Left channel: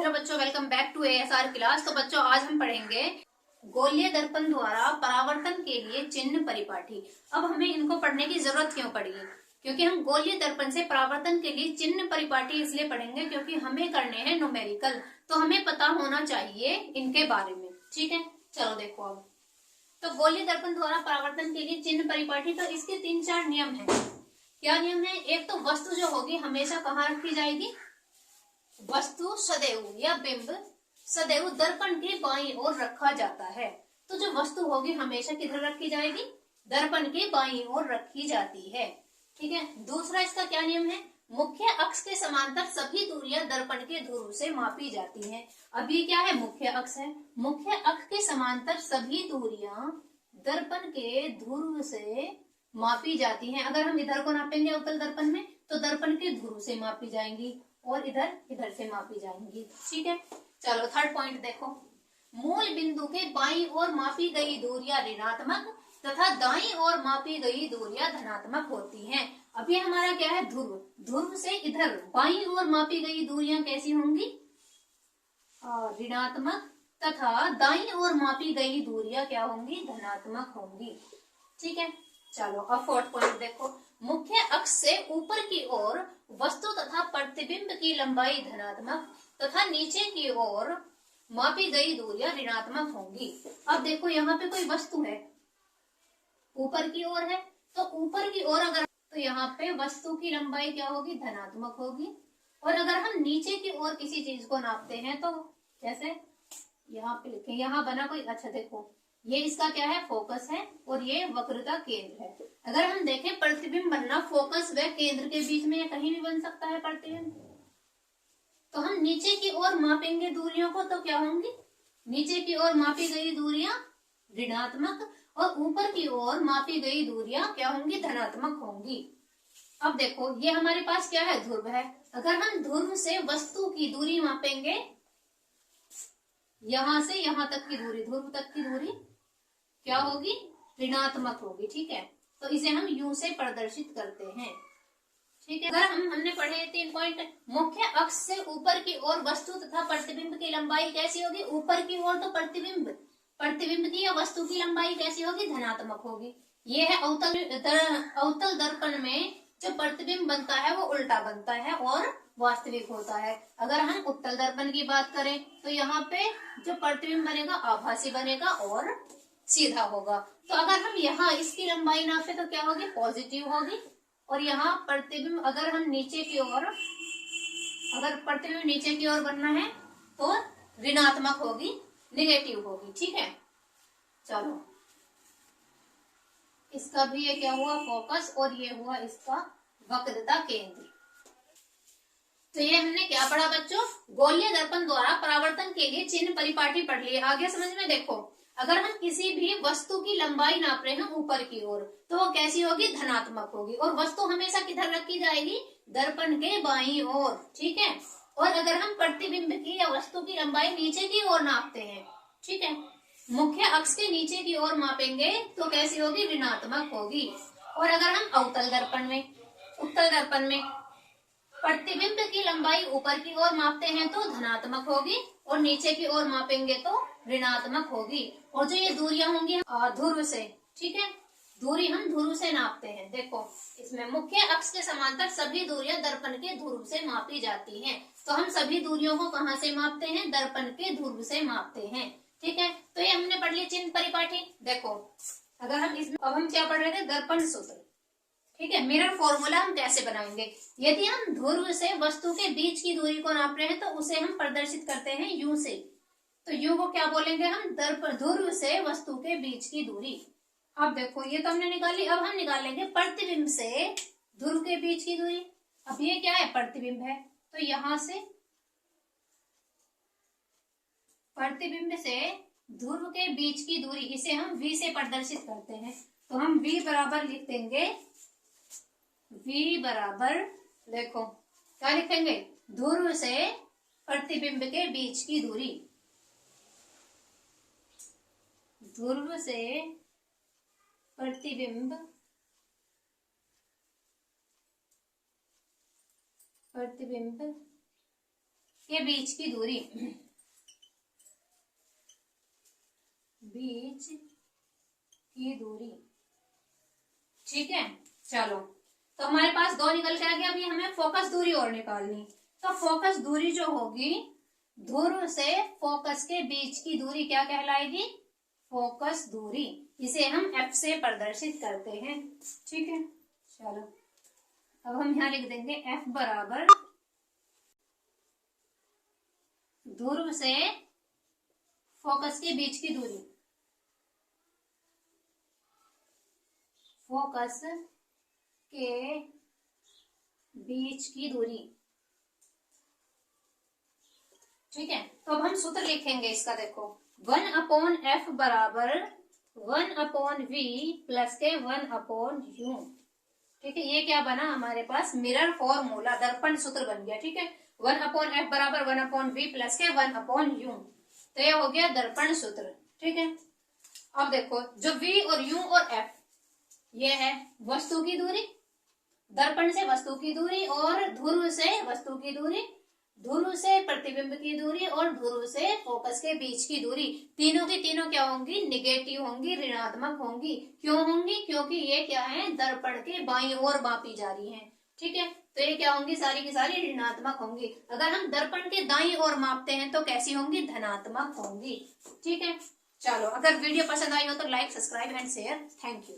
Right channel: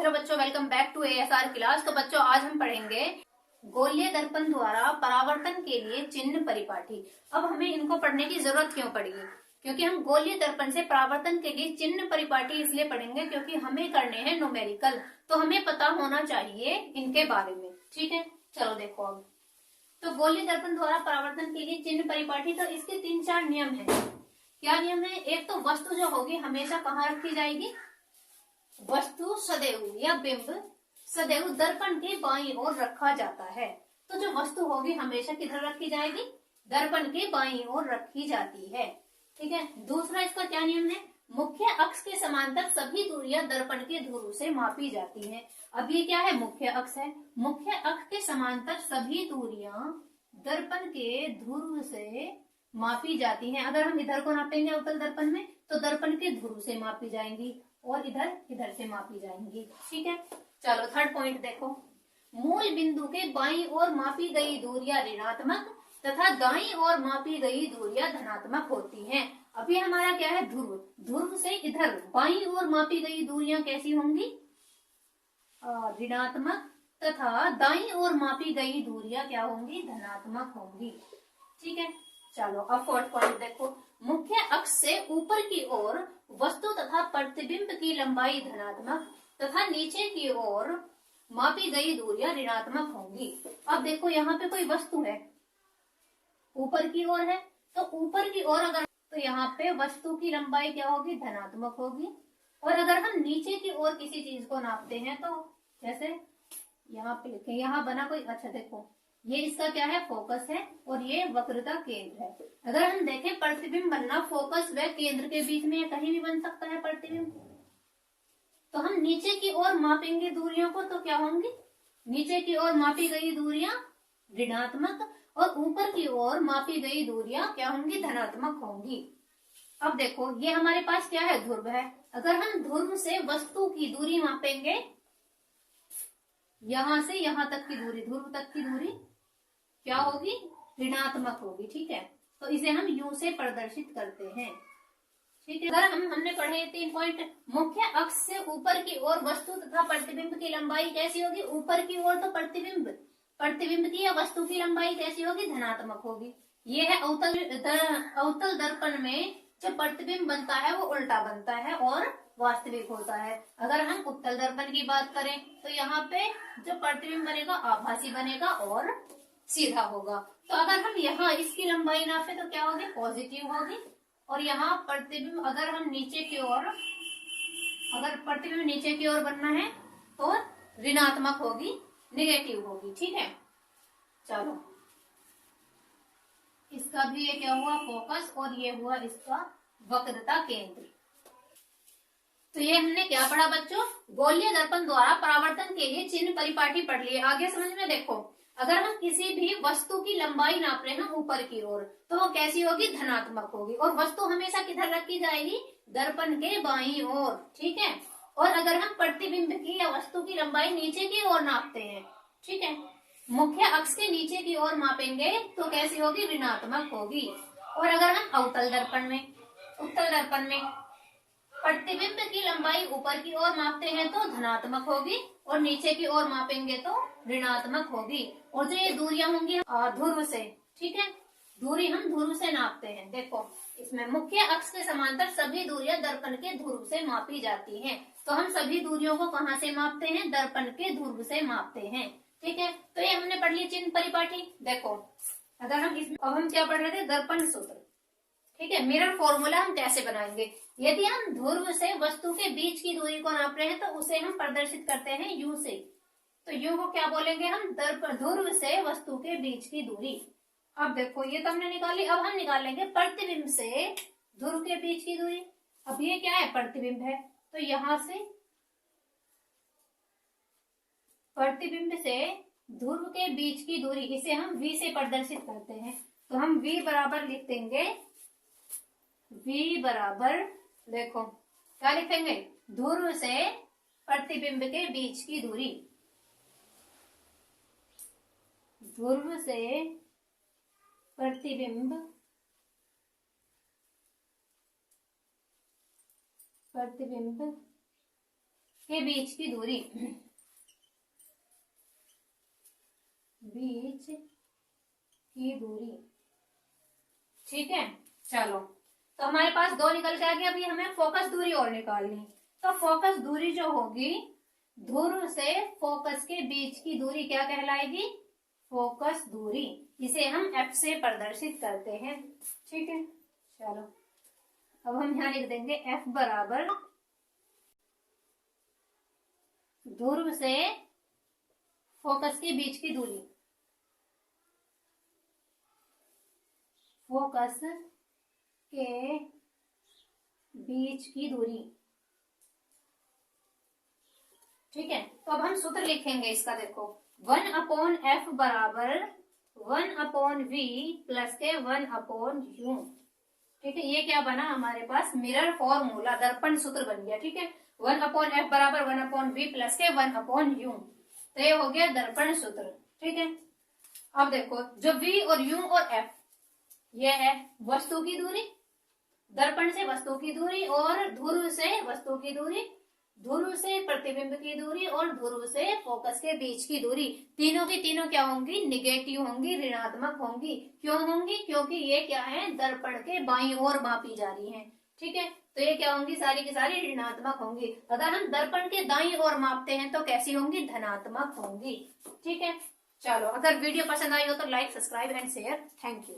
Hello बच्चों, welcome back to ASR class. तो बच्चों आज हम पढ़ेंगे गोलीय दर्पण द्वारा परावर्तन के लिए चिन्ह परिपाटी। अब हमें इनको पढ़ने की जरूरत क्यों पड़ी है? क्योंकि हम गोलीय दर्पण से परावर्तन के लिए चिन्ह परिपाटी इसलिए पढ़ेंगे क्योंकि हमें करने हैं न्यूमेरिकल, तो हमें पता होना चाहिए इनके बारे में। ठीक है, चलो देखो अब। तो गोलीय दर्पण द्वारा परावर्तन के लिए चिन्ह परिपाटी, तो इसके 3-4 नियम है। क्या नियम है? एक तो वस्तु जो होगी हमेशा कहाँ रखी जाएगी? वस्तु सदैव या बिंब सदैव दर्पण के बाईं ओर रखा जाता है। तो जो वस्तु होगी हमेशा किधर रखी जाएगी? दर्पण के बाईं ओर रखी जाती है। ठीक है। दूसरा इसका क्या नियम है? मुख्य अक्ष के समांतर सभी दूरियां दर्पण के ध्रुव से मापी जाती हैं। अब ये क्या है? मुख्य अक्ष है। मुख्य अक्ष के समांतर सभी दूरियां दर्पण के ध्रुव से मापी जाती हैं। अगर हम इधर को नापेंगे अवतल दर्पण में तो दर्पण के ध्रुव से मापी जाएंगी और इधर से मापी जाएंगी। ठीक है, चलो थर्ड पॉइंट देखो। मूल बिंदु के बाईं ओर मापी गई दूरियां ऋणात्मक तथा दाईं ओर मापी गई दूरियां धनात्मक होती हैं। अभी हमारा क्या है? ध्रुव। ध्रुव से इधर बाईं ओर मापी गई दूरियां कैसी होंगी? ऋणात्मक तथा दाईं ओर मापी गई दूरियां क्या होंगी? धनात्मक होंगी। ठीक है, चलो अब फोर्थ पॉइंट देखो। मुख्य अक्ष से ऊपर की ओर वस्तु तथा प्रतिबिंब की लंबाई धनात्मक तथा नीचे की ओर मापी गई दूरियां ऋणात्मक होंगी। अब देखो यहाँ पे कोई वस्तु है, ऊपर की ओर है, तो ऊपर की ओर अगर तो यहाँ पे वस्तु की लंबाई क्या होगी? धनात्मक होगी। और अगर हम नीचे की ओर किसी चीज को नापते हैं तो जैसे यहाँ पे लिखें, यहाँ बना कोई, अच्छा देखो ये इसका क्या है? फोकस है और ये वक्रता केंद्र है। अगर हम देखें प्रतिबिंब बनना फोकस व केंद्र के बीच में कहीं भी बन सकता है प्रतिबिंब। तो हम नीचे की ओर मापेंगे दूरियों को तो क्या होंगी? नीचे की ओर मापी गई दूरियां ऋणात्मक और ऊपर की ओर मापी गई दूरियां क्या होंगी? धनात्मक होंगी। अब देखो ये हमारे पास क्या है? ध्रुव है। अगर हम ध्रुव से वस्तु की दूरी मापेंगे, यहां से यहां तक की दूरी, ध्रुव तक की दूरी क्या होगी? ऋणात्मक होगी। ठीक है, तो इसे हम यू से प्रदर्शित करते हैं। ठीक है, अगर हमने पढ़े 3 पॉइंट। मुख्य अक्ष से ऊपर की ओर वस्तु तथा प्रतिबिंब की लंबाई कैसी होगी? ऊपर की ओर तो प्रतिबिंब की या वस्तु की लंबाई कैसी होगी? धनात्मक होगी। ये है अवतल दर्पण में जो प्रतिबिंब बनता है वो उल्टा बनता है और वास्तविक होता है। अगर हम उत्तल दर्पण की बात करें तो यहाँ पे जो प्रतिबिंब बनेगा आभासी बनेगा और सीधा होगा। तो अगर हम यहाँ इसकी लंबाई नापे तो क्या होगी? पॉजिटिव होगी। और यहाँ प्रतिबिंब अगर हम नीचे की ओर, अगर प्रतिबिंब नीचे की ओर बनना है तो ऋणात्मक होगी, निगेटिव होगी। ठीक है, चलो इसका भी ये क्या हुआ? फोकस, और ये हुआ इसका वक्रता केंद्र। तो ये हमने क्या पढ़ा बच्चों? गोलीय दर्पण द्वारा परावर्तन के लिए चिन्ह परिपाटी पढ़ लिए। आगे समझ में देखो, अगर हम किसी भी वस्तु की लंबाई नाप रहे हैं ऊपर की ओर तो वो कैसी होगी? धनात्मक होगी। और वस्तु हमेशा किधर रखी जाएगी? दर्पण के बाईं ओर। ठीक है, और अगर हम प्रतिबिंब की या वस्तु की लंबाई नीचे की ओर नापते हैं, ठीक है, मुख्य अक्ष के नीचे की ओर मापेंगे तो कैसी होगी? ऋणात्मक होगी। और अगर हम अवतल दर्पण में, उत्तल दर्पण में प्रतिबिंब की लंबाई ऊपर की ओर मापते हैं तो धनात्मक होगी और नीचे की ओर मापेंगे तो ऋणात्मक होगी। और जो ये दूरियां होंगी ध्रुव से, ठीक है, दूरी हम ध्रुव से नापते हैं। देखो इसमें मुख्य अक्ष के समांतर सभी दूरियां दर्पण के ध्रुव से मापी जाती हैं। तो हम सभी दूरियों को कहाँ से मापते हैं? दर्पण के ध्रुव से मापते हैं। ठीक है, तो ये हमने पढ़ लिया चिन्ह परिपाटी। देखो अगर हम इसमें, अब हम क्या पढ़ रहे थे? दर्पण सूत्र। ठीक है, मिरर फॉर्मूला हम कैसे बनाएंगे? यदि हम ध्रुव से वस्तु के बीच की दूरी को नाप रहे हैं तो उसे हम प्रदर्शित करते हैं यू से। तो यू को क्या बोलेंगे हम? ध्रुव से वस्तु के बीच की दूरी। अब देखो ये तो हमने निकाली। अब हम निकालेंगे प्रतिबिंब से ध्रुव के बीच की दूरी। अब ये क्या है? प्रतिबिंब है, तो यहां से प्रतिबिंब से ध्रुव के बीच की दूरी, इसे हम v से प्रदर्शित करते हैं। तो हम v बराबर लिख देंगे, v बराबर, देखो क्या लिखेंगे? ध्रुव से प्रतिबिंब के बीच की दूरी, ध्रुव से प्रतिबिंब के बीच की दूरी, बीच की दूरी, ठीक है। चलो, तो हमारे पास 2 निकल के आ गया। अभी हमें फोकस दूरी और निकालनी। तो फोकस दूरी जो होगी, ध्रुव से फोकस के बीच की दूरी क्या कहलाएगी? फोकस दूरी। इसे हम F से प्रदर्शित करते हैं, ठीक है। चलो, अब हम यहाँ लिख देंगे F बराबर ध्रुव से फोकस के बीच की दूरी, फोकस के बीच की दूरी, ठीक है। तो अब हम सूत्र लिखेंगे इसका। देखो, 1/f बराबर 1/v प्लस के 1/u, ठीक है। ये क्या बना हमारे पास? मिरर फॉर्मूला, दर्पण सूत्र बन गया, ठीक है। 1/f बराबर 1/v प्लस के 1/u, तो ये हो गया दर्पण सूत्र, ठीक है। अब देखो, जो v और u और f, ये है वस्तु की दूरी, दर्पण से वस्तु की दूरी, और ध्रुव से वस्तु की दूरी, ध्रुव से प्रतिबिंब की दूरी, और ध्रुव से फोकस के बीच की दूरी। तीनों की तीनों क्या होंगी? निगेटिव होंगी, ऋणात्मक होंगी। क्यों होंगी? क्योंकि ये क्या है? दर्पण के बाईं ओर मापी जा रही हैं, ठीक है। तो ये क्या होंगी? सारी की सारी ऋणात्मक होंगी। अगर हम दर्पण के दाईं ओर मापते हैं तो कैसी होंगी? धनात्मक होंगी, ठीक है। चलो, अगर वीडियो पसंद आई हो तो like, subscribe and share. Thank you.